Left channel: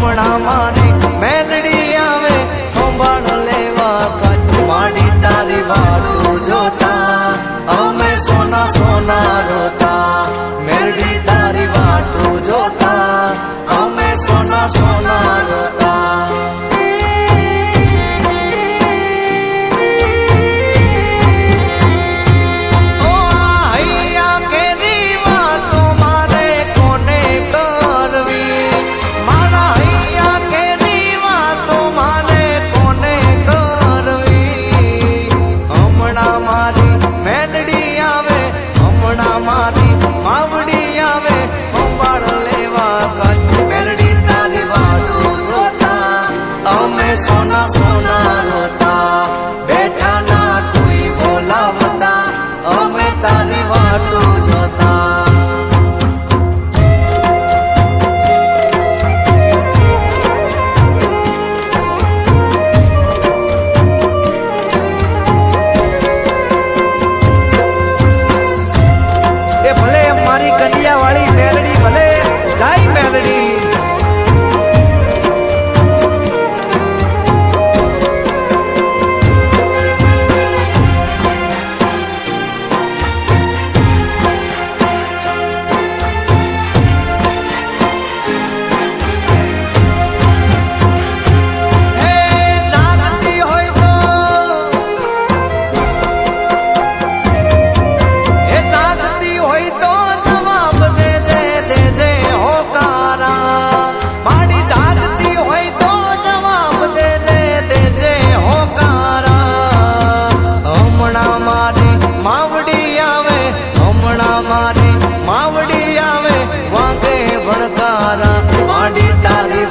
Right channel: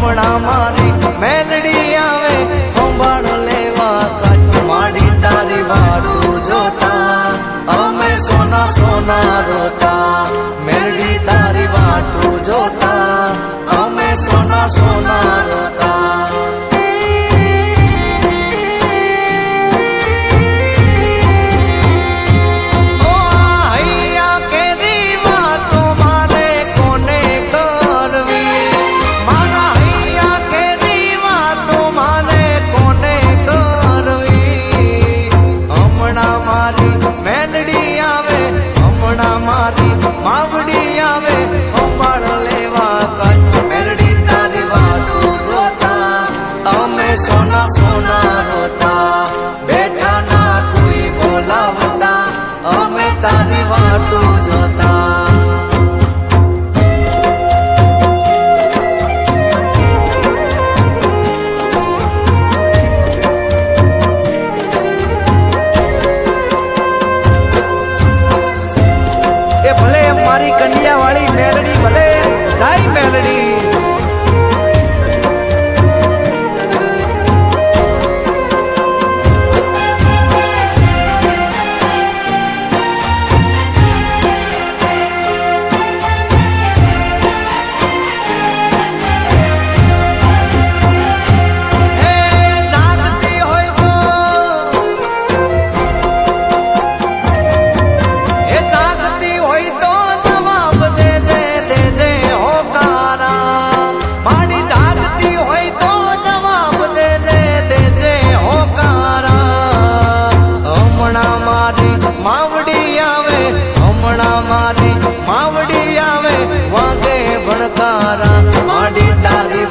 હમણાં મારી મેલડી આવે, ખંભાળ લેવા કાચ. માડી તારી વાટું જોતા, અમે સોના સોના રોતા. મેલડી તારી વાટું જોતા, અમે સોના સોના રોતા. મારી માવડી આવે અંબાળ લેવા કચ્છ. મેલડી તારી વાડું રોતા, અમે સોના સોના રોતા. બેઠા ના કોઈ બોલાવતા, અમે તારી વાટું જોતા. મારી માવડી આવે વાગે ભણકારા માડી તારી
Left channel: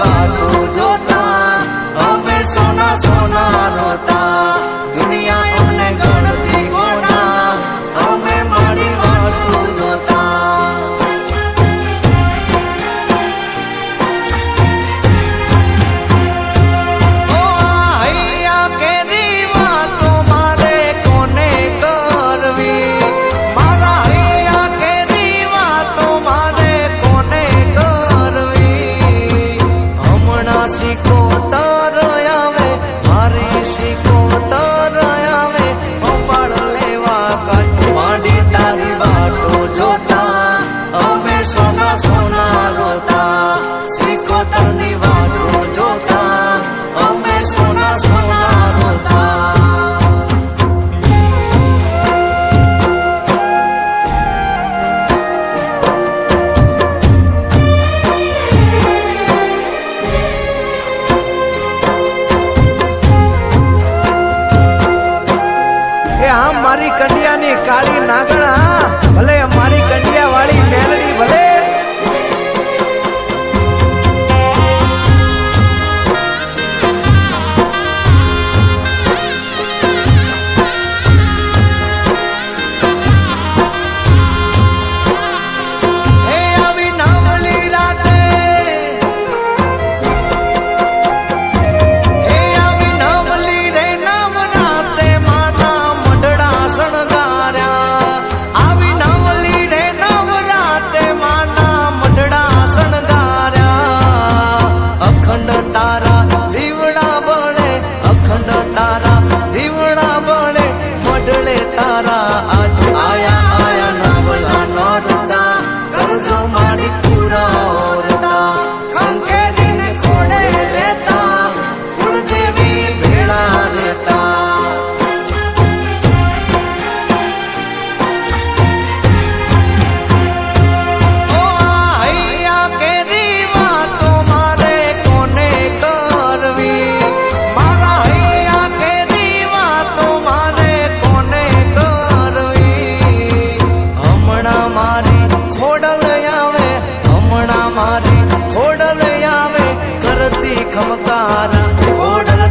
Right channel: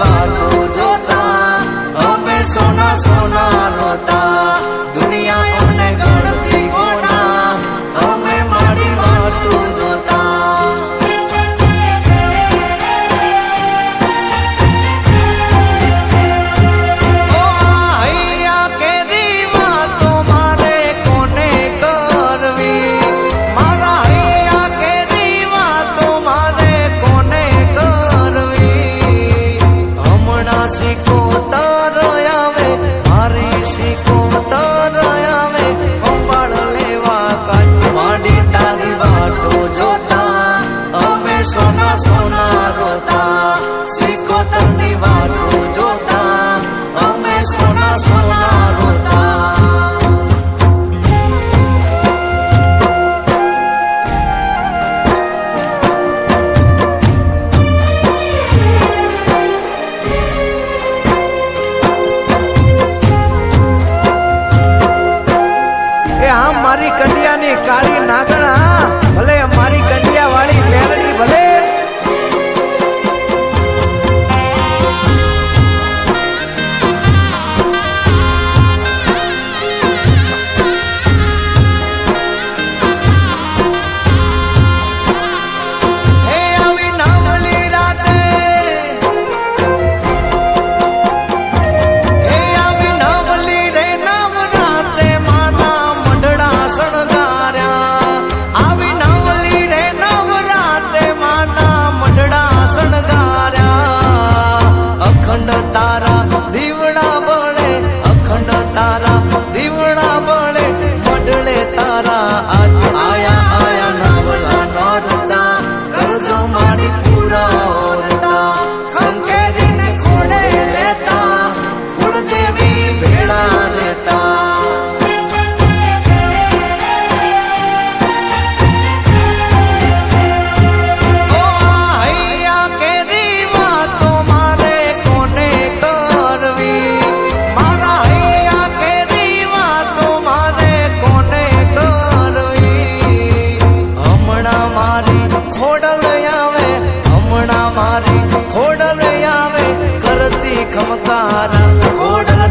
મારા શીખો તાર આવે, મારી શીખો તાર આવે ગોપાળ લેવા કાચ માંડી તારી વાટો જોતા, અમે સોના સોના રોતા શીખો તારની વાટો મારી કંડિયાની કાળી નાગણા ભલે મારી કંડિયા વાળી મેલડી ભલે. દીવડા ખમકારા. ઘોડલ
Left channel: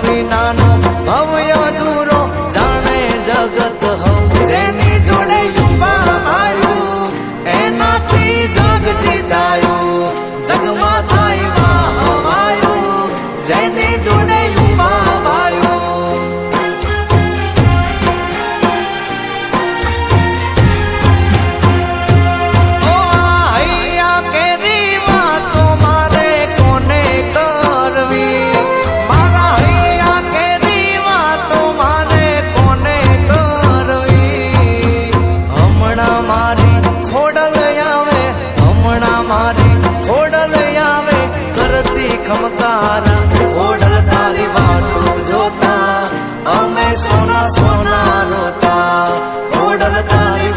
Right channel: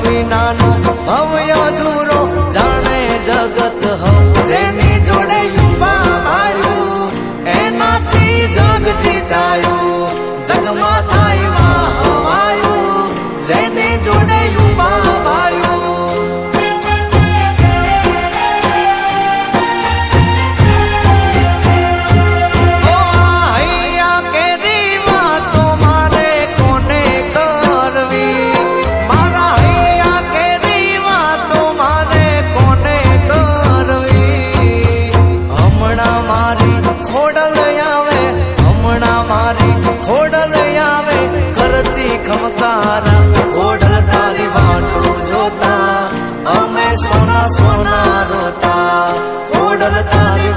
વિનાનો ભવ્ય દૂરો જાણે જગત હવ. જેની જોડે યુવા આવ્યું એનાથી જગ જીતાયું. હમણાં મારી ખોડલ આવે, હમણાં મારી ખોડલ આવે. કરતી ખમકારા, ખોડલ તારી વાટું જોતા. અમે સોના સોના રોતા, ખોડલ તારી